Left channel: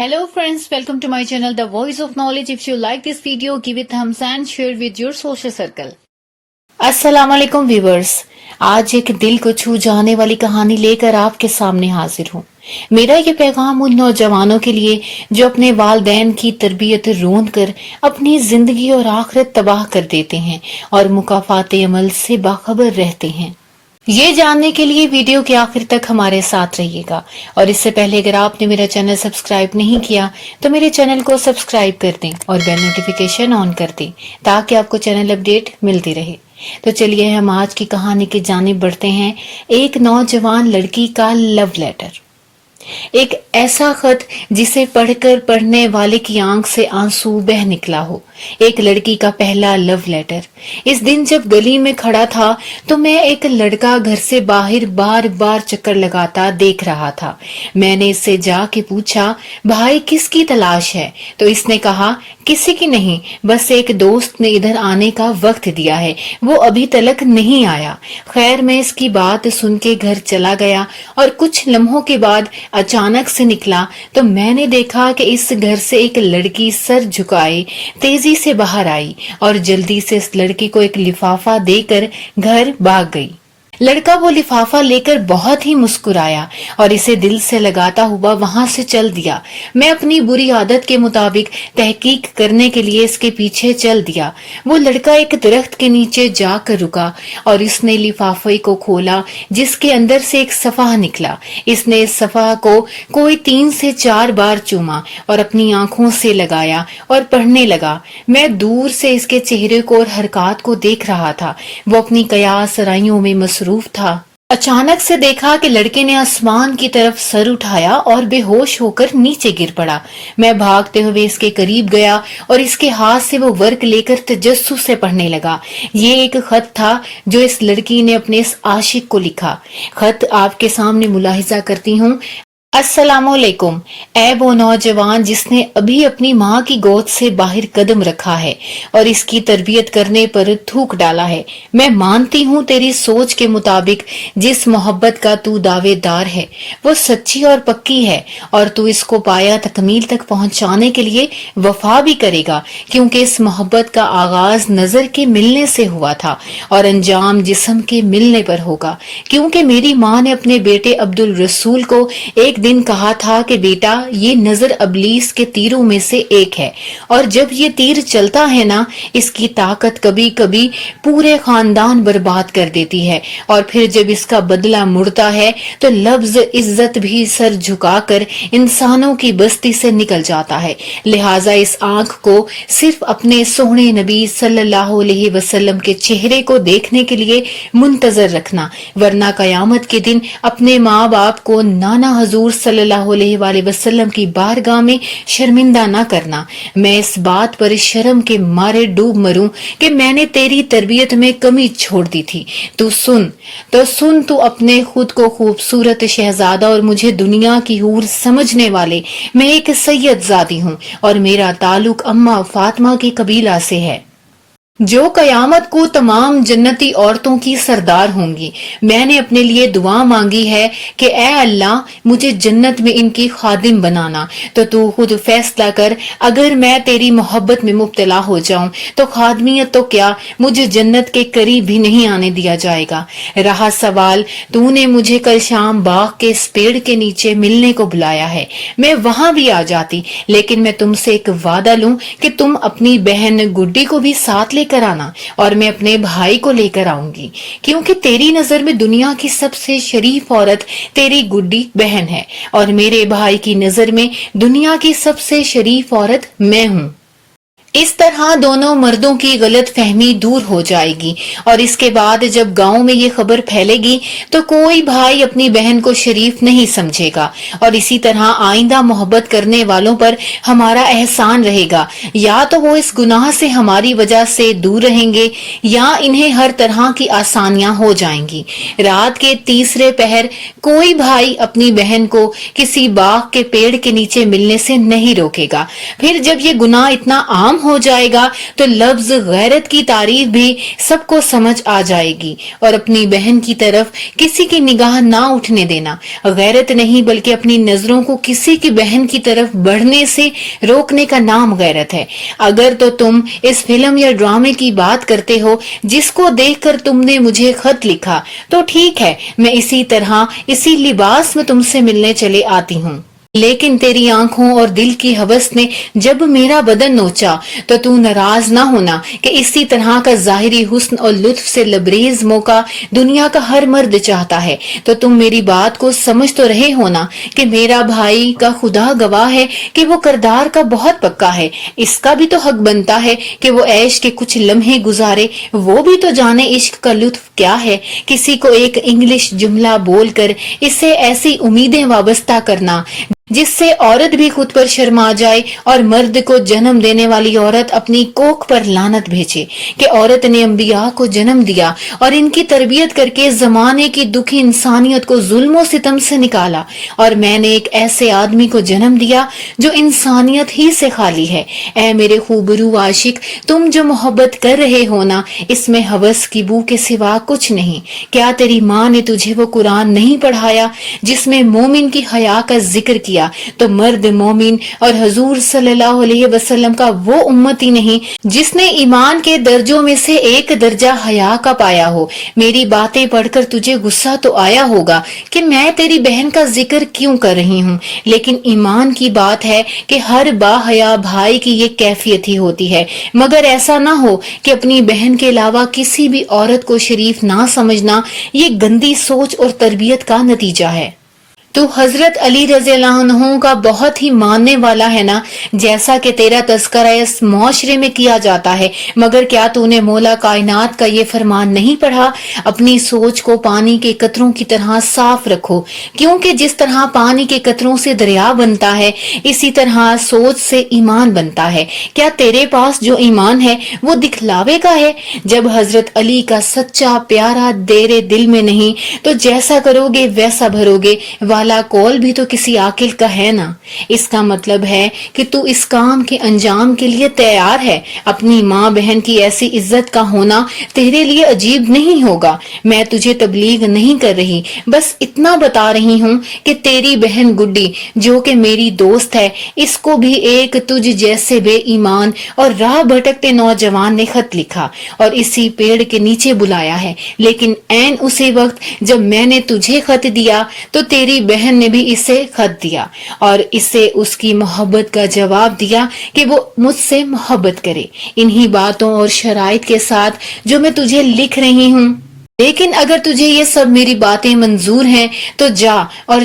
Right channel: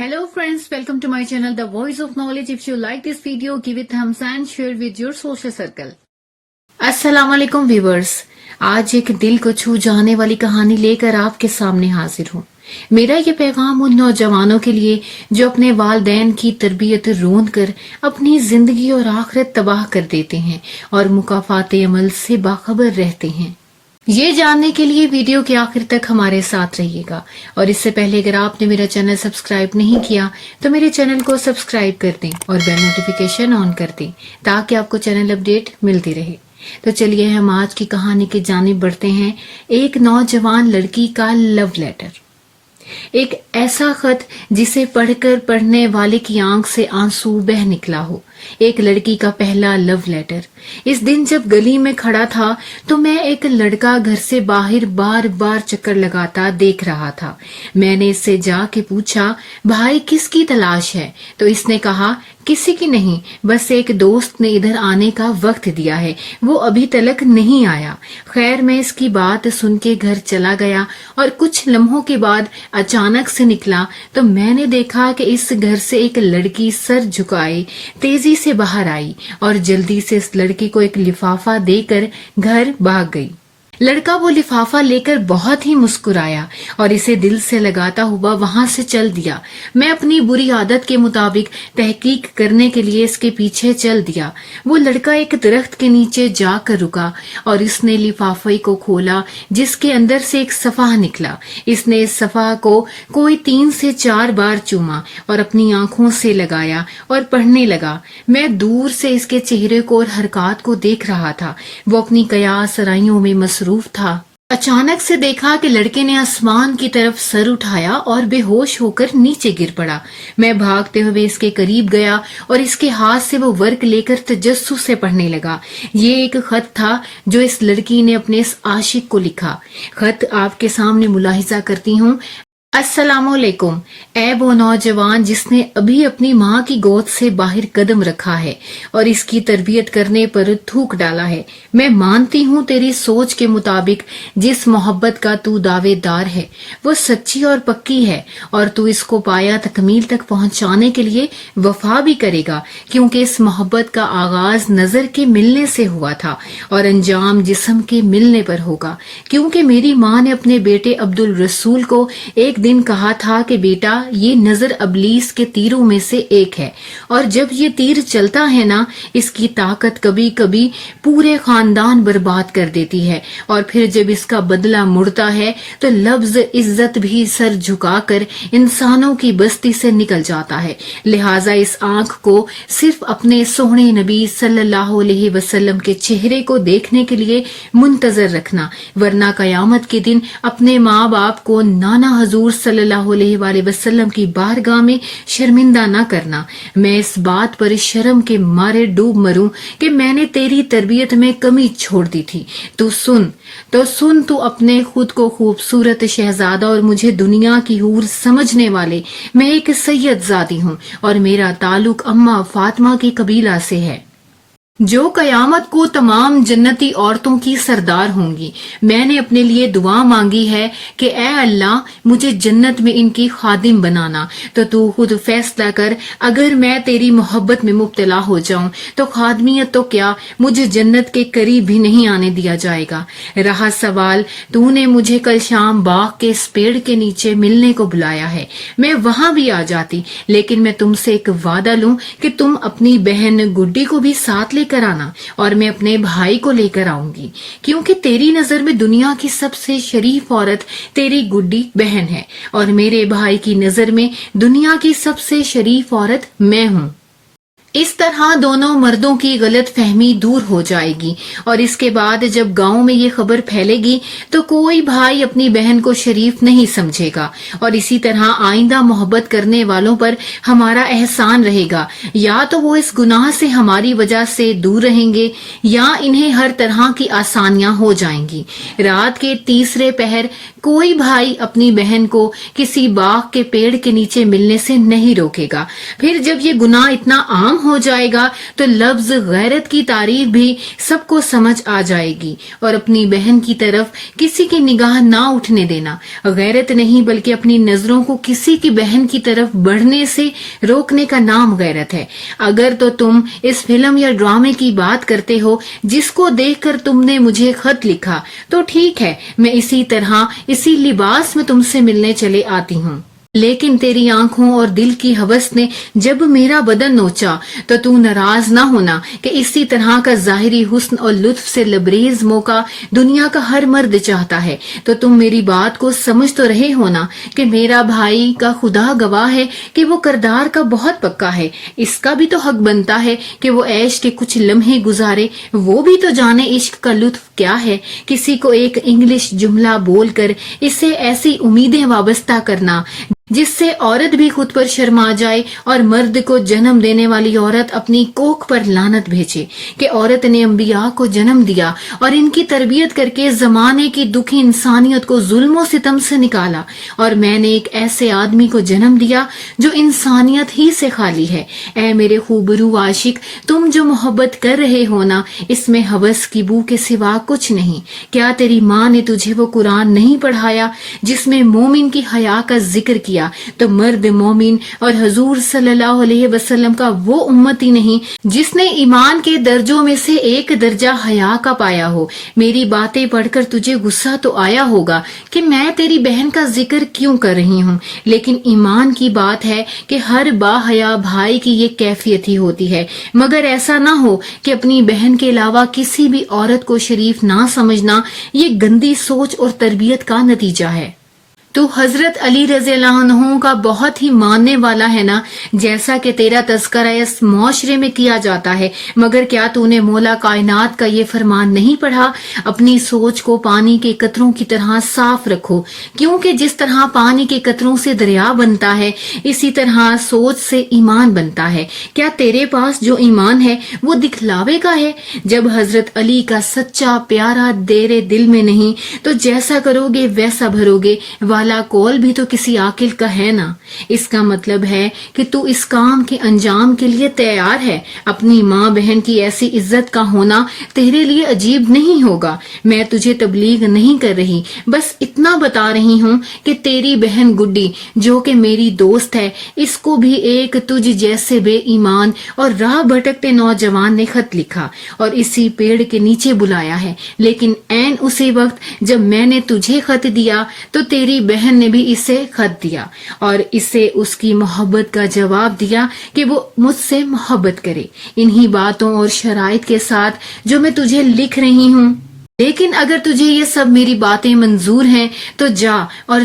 Hello friends, welcome to my channel The Voice of Knowledge. If you like this video, give it thumbs and share with your social circle. अस्सलाम वालेकुम viewers, आज एक दिल को छू जाने वाली कहानी लेकर आपके सामने हाजिर हूँ। मेरा ये पैगाम उन नौजवानों के लिए जो अपने वालिदैन की तरबियत रोंद कर अपनी जिंदगी और आखिरत तबाह कर देते हैं और मुकाफाते अमल से बाखबर रहते हैं। ये जानने के लिए वीडियो के आखिर तक हमारे साथ रहिएगा और इससे पहले अगर आपने मेरा चैनल सब्सक्राइब नहीं किया तो मेरे चैनल को सब्सक्राइब कर दें और बेल नोटिफिकेशन ऑन कर दें ताकि आपको चैनल अपडेट मिलती रहे। तो चलिए हम आज की कहानी की जानिब बढ़ते हैं। एक नौजवान लड़की का लव लेटर। एक ऐसा खत जिसे पढ़कर पढ़ने वाले की आंख से आंसू बह निकला हो। एक लड़की का पहला लव लेटर। इस दिन जब गली में खड़ा था तो मैं एक लड़का घर से बाहर बार बार चक्कर लगाता देख रहा था। मैंने इससे जाके पूछा, भाई किसकी तलाश है? तो इसने कहा, किसी की नहीं, बस एक दोस्त ने इधर आने का वक्त दिया है, वो अभी तक नहीं आया। खैर मैं इसकी बात सुन के घर चला गया और कुछ लम्हों के बाद अचानक से निकला तो मैंने देखा कि इस घर से एक लड़की सर झुकाए तेजी से बाहर आई और जल्दी से इस लड़की को एक लिफाफा देकर घर भाग गई। लड़का वो लिफाफा लेकर बहुत ही मुस्कुराया और इसे दिल से लगाता हुआ वहां से चल दिया। मैं अपनी बुरी आदत के मुताबिक तहकीक करने के लिए इसके पीछे चल दिया। वो लड़का एक दरख्त के नीचे जाकर रुका और इसने लिफाफे को खोला जिसके अंदर से एक सफ़ा निकला। इसने इस सफ़ा को कोई 3 से 4 बार चूमा और अपनी आंखों से लगाया और पढ़ने लगा। मैं दूर से इसके चेहरे को और हरकत को देख रहा था। वो अपनी कयास राइयों में मसरूफ था। अचानक से देखा कि लड़के ने आसमान की तरफ सर उठाया और बेहोश होकर नीचे गिर पड़ा। मैं भागते हुए इसके करीब गया और इसके हाथ से वो वर्क लेकर तजस्सुस से पढ़ने लगा। ये एक खत था जो इस लड़की ने अपने इस आशिक को लिखा। खत आपके सामने मुलाहिजा करती हूँ। अस्सलामुअलैकुम। ऐ वो नौजवान जिसने अभी अपनी माँ की गोद से बाहर कदम रखा है और इसकी तरबियत करने पर थूक डाला है। मैं मानती हूँ तेरी सोच के मुताबिक जिस मोहब्बत का तू दावेदार है वो सच्ची और पक्की है और तू इसको पाया तकमील तक पहुँचाने के लिए वफा भी करेगा, क्योंकि इस मोहब्बत का आगाज नजर के मिलने से हुआ था और अंजाम जिस्म के मिलने पर होगा। क्योंकि मेरी माँ ने अपने बेटे अब्दुल रसूल को एक दिन कहा था कि बेटा ये नजर अबलीस के तीरों में से एक है और जब ये तीर चलता है ना, इसकी ताकत कभी कभी पूरे खानदान बर्बाद कर देती है और फिर जब इसका बदला मुड़ता है तो लफ्ज इज्जत भी सर झुकाकर इंसानों की बस्ती से निकल जाता है। लिहाजा इस आंख को सिर्फ अपने सोहने नबी सल्लल्लाहु अलैहि वसल्लम के चेहरे को देखने के लिए मुंतजर रखना, वरना कयामत के दिन अपने माँ बाप को नाना हजूर सल्लल्लाहु अलैहि वसल्लम की बारगाह में शर्मिंदा न करना। मैं इस बात पर शर्म के मारे डूब मरूं कि मैंने तेरी तरबियत में कमी छोड़ दी थी। तू सुन, तू अपने खुद को खूबसूरत शहजादा और मुझे दुनिया की हूर समझने वाले। मैं एक सैयद जादी हूँ और मेरा ताल्लुक अम्मा फातिमा की कबीला से है जो कयामत को तमाम जन्नती औरतों की सरदार होंगी। मैंने अपने लिए दुआ मांगी है कि ए अल्लाह मुझे जन्नत में इनकी खादिम बनाना। तो तू खुद फैसला कर, अगर मैं तेरी मोहब्बत में मुब्तला हो जाऊं तो खादमियत तो क्या, मुझे जन्नत के करीब भी नहीं आने दिया जाएगा। रहा सवाल, तूने मुझे कल शाम बाग के इस पेड़ के नीचे मिलने को बुलाया है, मैं वहां भी आ जाती, लेकिन मैं तुमसे एक वादा लूं कि तुम अपनी बहन गुड्डी को भी साथ लेकर आना और मैं अपने भाई को लेकर आऊंगी, क्योंकि तेरी नजर में दुनिया की सबसे शरीफ औरत तेरी गुड्डी बहन है और मेरे भाई की नजर में दुनिया की सबसे शरीफ औरत मैं हूँ। इस तरह दोनों मर्दों की गलत फहमी दूर हो जाएगी और इसके बाद जब गांव में ये खबर फैलेगी तो कोई भाई अपनी बहन को शरीफ नहीं समझेगा और इसी तरह आइंदा मोहब्बत करने वालों पर हमारा एहसान रहेगा। या तो वो इस गुनाह से हमारी वजह से दूर रहेंगे या इन्हें हर तरह की आसानियां हो जाएंगी। रात के तीसरे पहर कोई भाई अपनी बहन को किसी बाग के पेड़ के नीचे मिलने से नहीं रोकेगा। फिर जब ये गुनाह इतना आम ہو جائے گا تو لفظ غیرت کی تعریف بھی سب کو سمجھ آ جائے گی. اور اپنی بہن کی طرف کسی کی نگاہ نہ اٹھنے دینا غیرت نہیں بلکہ اپنی نظروں کو کسی کی بہن کی طرف بڑھنے سے روکنے کا نام غیرت ہے. اگر تو تم اس فلم یا ڈرامے کی بات کرتے ہو جس کو دیکھ کر تم نے مجھے خط لکھا تو ٹھیک ہے، میں اسی طرح اسی لباس میں تم سے ملنے چلے آتی ہوں. لیکن تیری آنکھوں اور دل کی ہوس نے جب میرا بدن نوچا تو تو ناراض نہ ہونا کہ اسی طرح کا ظاہری حسن اور لطف سے لبریز موقع دنیا کا ہر مرد چاہتا ہے. تو تم میری بات کو سمجھ تو رہے ہونا کہ میرا بھائی کا خدا گواہ ہے کہ وہ کردار کا بہت پکا ہے. اس کا بھی تو حق بنتا ہے کہ وہ عیش کے کچھ لمحے گزارے. وہ بھی تو جانے عشق کا لطف کیا ہے. کسی کو ایک انگلش جملہ بول کر اسے ایسی امیدیں وابستہ کرنا جس سے عورت بھی خود پر شرما جائے اور مرد کو جنم دینے والی عورت اپنی کوکھ پر لعنت بھیجے کہ عورت نے انبیاء کو جنم دیا اور ان کی تربیت کر کے زمانے کی دکھی انسانیت کو ظلم و ستم سے نکالا، اور میں نے ایک ایسے آدمی کو جنم دیا جو انسانیت ہی سے خالی ہے. اے میرے خوبرو عاشق، تم جو محبت کر رہے ہو نا، اس میں ہوس کی بو کے سوا کچھ نہیں. کیا تیری ماں نے تجھے وہ قرآن نہیں پڑھایا جس میں مومن کی حیا کا ذکر کیا؟ تو مرد مومن اور حضور صلی اللہ علیہ وسلم کا وہ امتی نہیں جس نے ایمان کے درجوں میں سے ایک درجہ حیا کا پایا ہو. میری باتیں پڑھ کر تجھے غصہ تو آیا ہوگا کہ میں تیری بہن کا ذکر کیوں کر رہی ہوں، لیکن ایمان کی بات ہے کہ ہر با حیا بھائی کی یہ کیفیت ہی ہوتی ہے. مگر ایسا نہ ہو کہ اپنی بہن کے علاوہ کسی بھی عورت کو شریف نہ سمجھنا. یہ گندی سوچ اور تربیت کا نتیجہ ہے. تو حضرت علی رضی اللہ عنہ کا بہت ہی ماننے والا ہے نا، جیسا کہ تیرا تذکرہ اس معاشرے میں کیا جاتا ہے. مگر کیا تو نے مولا کائنات کا یہ فرمان نہیں پڑھا؟ اپنی سوچ کو پانی کے قطروں کی طرح صاف رکھو، کیونکہ جس طرح پانی کے قطروں سے دریا بنتا ہے اسی طرح سوچ سے ایمان بنتا ہے. کیا تیرے پاس جو ایمان ہے وہ دکھلاوے کا ہے؟ جب حضرت علی کا سچا پیارا تیرے دل میں نہیں تو جیسا کرو گے ویسا بھرو گے والا قول بھی تو کسی عاقل کا ہے نا. اس کا مطلب ہے کہ تو اس کام کے انجام کے لیے تیار ہے. اپنی ماں بہن کی ایسی عزت کا ہونا تیرے لیے عجیب نہیں ہوگا. میں تجھے تبلیغ نہیں کر رہی، بس اتنا بتا رہی ہوں کہ تیری بہن گڈی جو کہ میری دوست ہے، اس کو بھی ایک تجھ جیسے بے ایمان اور راہ بھٹکتے نوجوان نے خط لکھا اور اسی پیڑ کے نیچے بلایا ہے. لیکن عین اسی وقت جب میں نے تجھے خط دیا تو تیری بہن نے بھی اسے خط دیا اور اسے اس کی محبت کا جواب دیا کہ وہ مجھ سے محبت کرے، انہی باتوں اور شرائط کے ساتھ جو میں تجھے لکھ رہی ہوں. لیکن اگر تجھے یہ سب میری باتیں منظور ہیں تو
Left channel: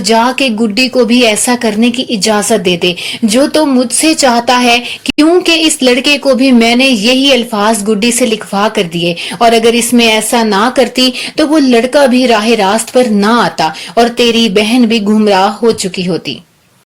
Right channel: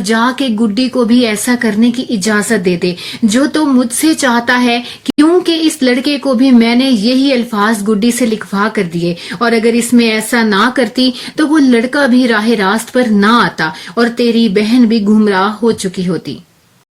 جا کے گڈی کو بھی ایسا کرنے کی اجازت دے دے جو تو مجھ سے چاہتا ہے، کیونکہ اس لڑکے کو بھی میں نے یہی الفاظ گڈی سے لکھوا کر دیے، اور اگر اس میں ایسا نہ کرتی تو وہ لڑکا بھی راہ راست پر نہ آتا اور تیری بہن بھی گمراہ ہو چکی ہوتی.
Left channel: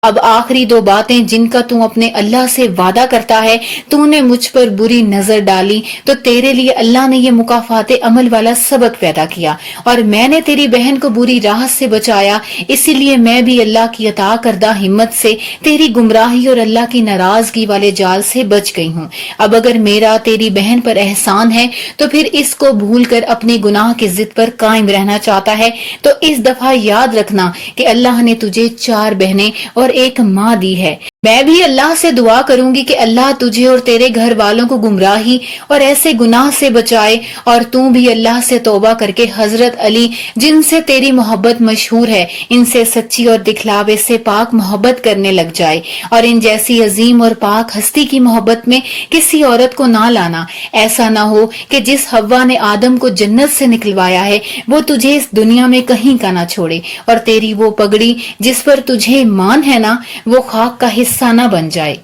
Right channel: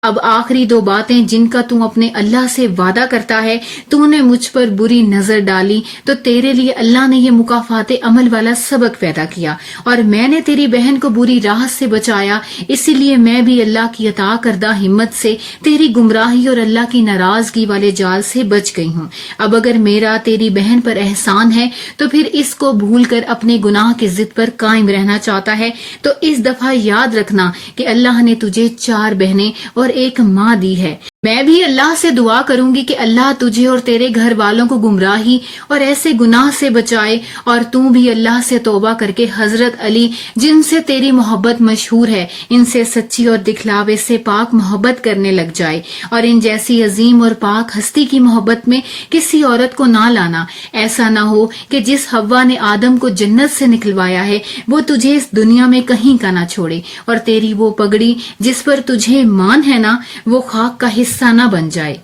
اب آخری دو باتیں جن کا تو اپنے اللہ سے وعدہ کرتا ہے. تو نے مجھ پر بری نظر ڈالی تو تیرے لیے اللہ نے یہ مکافات عمل والا سبق پیدا کیا، اور میں نے تیری بہن کو بری راہ سے بچایا، اسی لیے میں بھی اللہ کی عطا کردہ ہمت سے تیری گمراہی اور اللہ کی ناراضگی والے جال سے بچ گئی ہوں. اب اگر میرا تیری بہن پر احسان ہے تو پھر اس کو بھول کر اپنے گناہ کی ضد پر قائم رہنا چاہتا ہے تو اس دفعہ یاد رکھنا کہ اللہ نے تجھے 4 بہنیں اور ایک ماں دی ہے. میں بھی اللہ سے دعا کروں گی کہ اللہ تجھے اور تیرے گھر والوں کو گمراہی اور ایسے گناہ سے بچائے، اور تو بھی اللہ سے توبہ کر کے حضرت علی جن سے تیری محبت مشہور ہے ان سے سچی اور دکھلاوے سے پاک محبت کرنے لگ جائے، اور ان جیسی عظیم اور پاک ہستی کی محبت میں کسی عورت کو نہ لانا. ایسا نہ ہو کہ جس حوا نے آدم کو جنت سے نکلوایا ہے وہ تجھے اس دنیا میں کہیں کا نہ چھوڑے، اور تیری وہ پگڑی جس پر تجھے مان ہے نا وہ خاک کا حصہ نہ بن جائے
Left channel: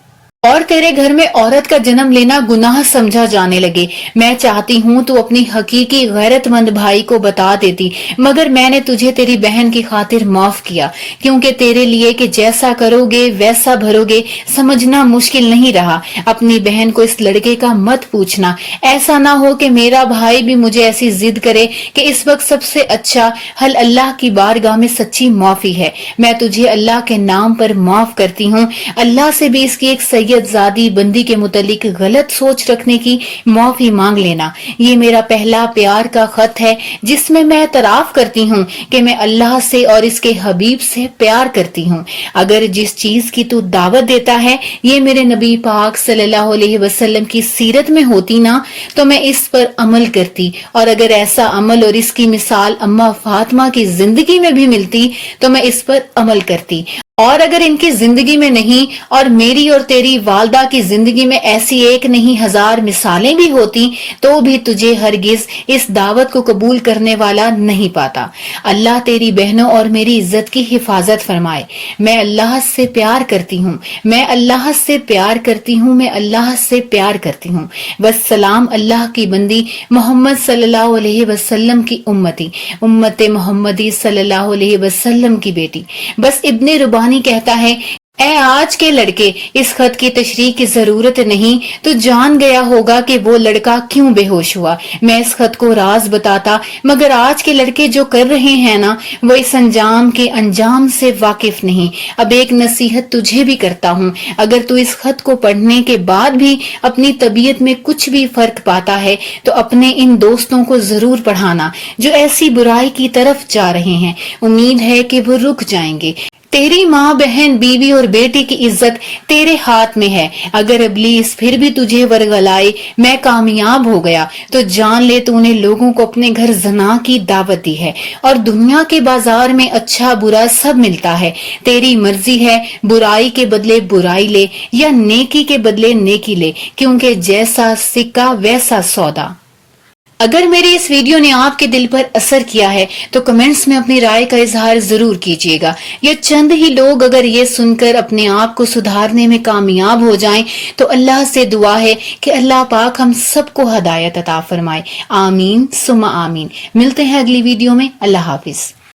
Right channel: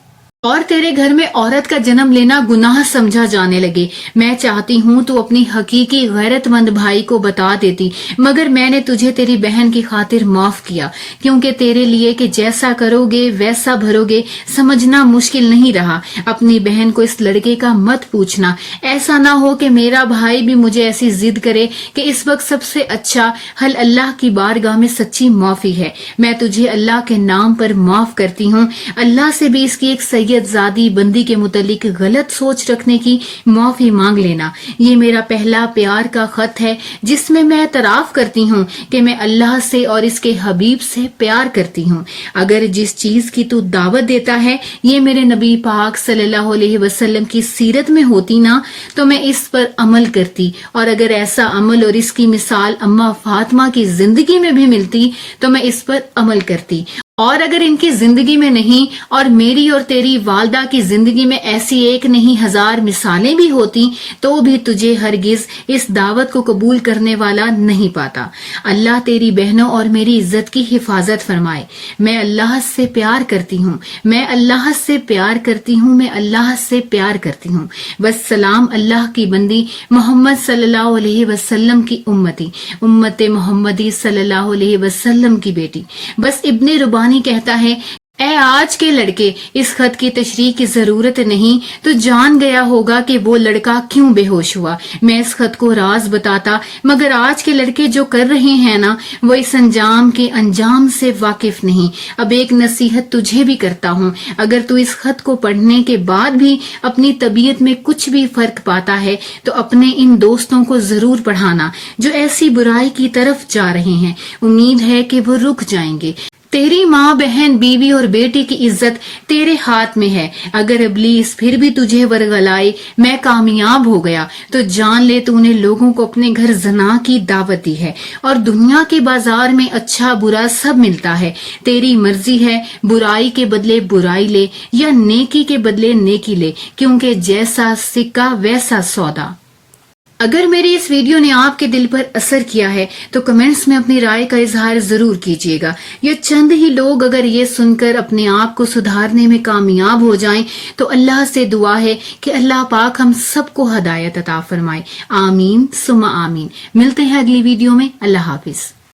اور تیرے گھر میں عورت کا جنم لینا گناہ سمجھا جانے لگے. میں چاہتی ہوں تو اپنی حقیقی غیرت مند بھائی کو بتا دیتی، مگر میں نے تجھے تیری بہن کی خاطر معاف کیا، کیونکہ تیرے لیے کہ جیسا کرو گے ویسا بھرو گے سمجھنا مشکل نہیں رہا. اپنی بہن کو اس لڑکے کا مت پوچھنا، ایسا نہ ہو کہ میرا بھائی بھی مجھے ایسی ضد کرے کہ اس وقت سب سے اچھا حل اللہ کی بارگاہ میں سچی معافی ہے. میں تجھے اللہ کے نام پر معاف کرتی ہوں. اللہ سے بھی اس کی ایک सैयद ज़ादी बंदी के मुतालिक गलत सोच रखने की माफी मांग लेना। ये मेरा पहला प्यार का खत है जिसमें मैं एतराफ करती हूँ कि मैं अल्लाह से और इसके हबीब से प्यार करती हूँ। अगर जिस चीज की तू दावत देता है ये मेरे नबी पाक सल्लल्लाहु अलैहि वसल्लम की सीरत में होती ना तो मैं इस पर अमल करती, और अगर ऐसा अमल और इसकी मिसाल अम्मा फातिमा की जिंदगी में भी मिलती तो मैं इस पर अमल करती। और अगर इनकी जिंदगी में नहीं और मेरी और तेरी वालदा की जिंदगी में ऐसी एक नहीं हजार मिसालें भी होती तो भी तुझे हरगिज इस दावत को कबूल करने वाला नहीं पाता। अल्लाह तेरी बहनों और मेरी इज्जत की हिफाजत फरमाए। मैं अल्लाह से प्यार करती हूँ, मैं अल्लाह से प्यार करती हूँ, मैं अल्लाह से प्यार करती हूँ। बस सलाम अल्लाह की बंदी मोहम्मद सल्लल्लाहु अलैहि वसल्लम की उम्मती, उम्मत मोहम्मदी सल्लल्लाहु अलैहि वसल्लम की बेटी। बस इब्ने रुबानी कहता है, ऐ आज के लड़के, इस खत की तशरीह की जरूरत नहीं तो जान गया होगा कि वो लड़का क्यों बेहोश हुआ। मैं इस खत को राज बताता, मगर आज के लड़के जो कर रहे हैं ना वो इस अंजाम के अंजाम से वाकिफ नहीं। अब एक नसीहत तुझे भी करता हूँ, अगर तू इस खत को पढ़ने के बाद भी अपनी तबीयत में कुछ भी फर्क पाता है तो अपने इन दोस्तों को जरूर पढ़ाना जो ऐसी बुराई की तरफ जा रहे हैं। उम्मीद है कि वो रुक जाएंगे। तेरी माँ, बहन, बीवी और बेटी की इज्जत तेरे हाथ में है। अगर इब्लीस फिर भी तुझे वरगलाए मैं कामयाब हो गया तो जान ले तूने लोगों को अपने घर जना की दावत दी है, और दुनिया के बाजार में अच्छा बुरा सब मिलता है। तेरी मर्जी है, बुराई के बदले बुराई ले या नेकी के बदले नेकी ले, क्योंकि जैसा सिक्का वैसा सौदा। अगर मेरी इस वीडियो ने आपके दिल पर असर किया है तो कमेंट्स में अपनी राय का इजहार जरूर कीजिएगा। ये चंद ही लोग अगर ये सुनकर अपने आप को सुधारने में कामयाब हो जाएं तो अल्लाह से दुआ है कि अल्लाह पाक हम सबको हदायत अता फरमाए। आमीन सुम्मा आमीन। मिलते हैं अगली वीडियो में। अल्लाह हाफिज।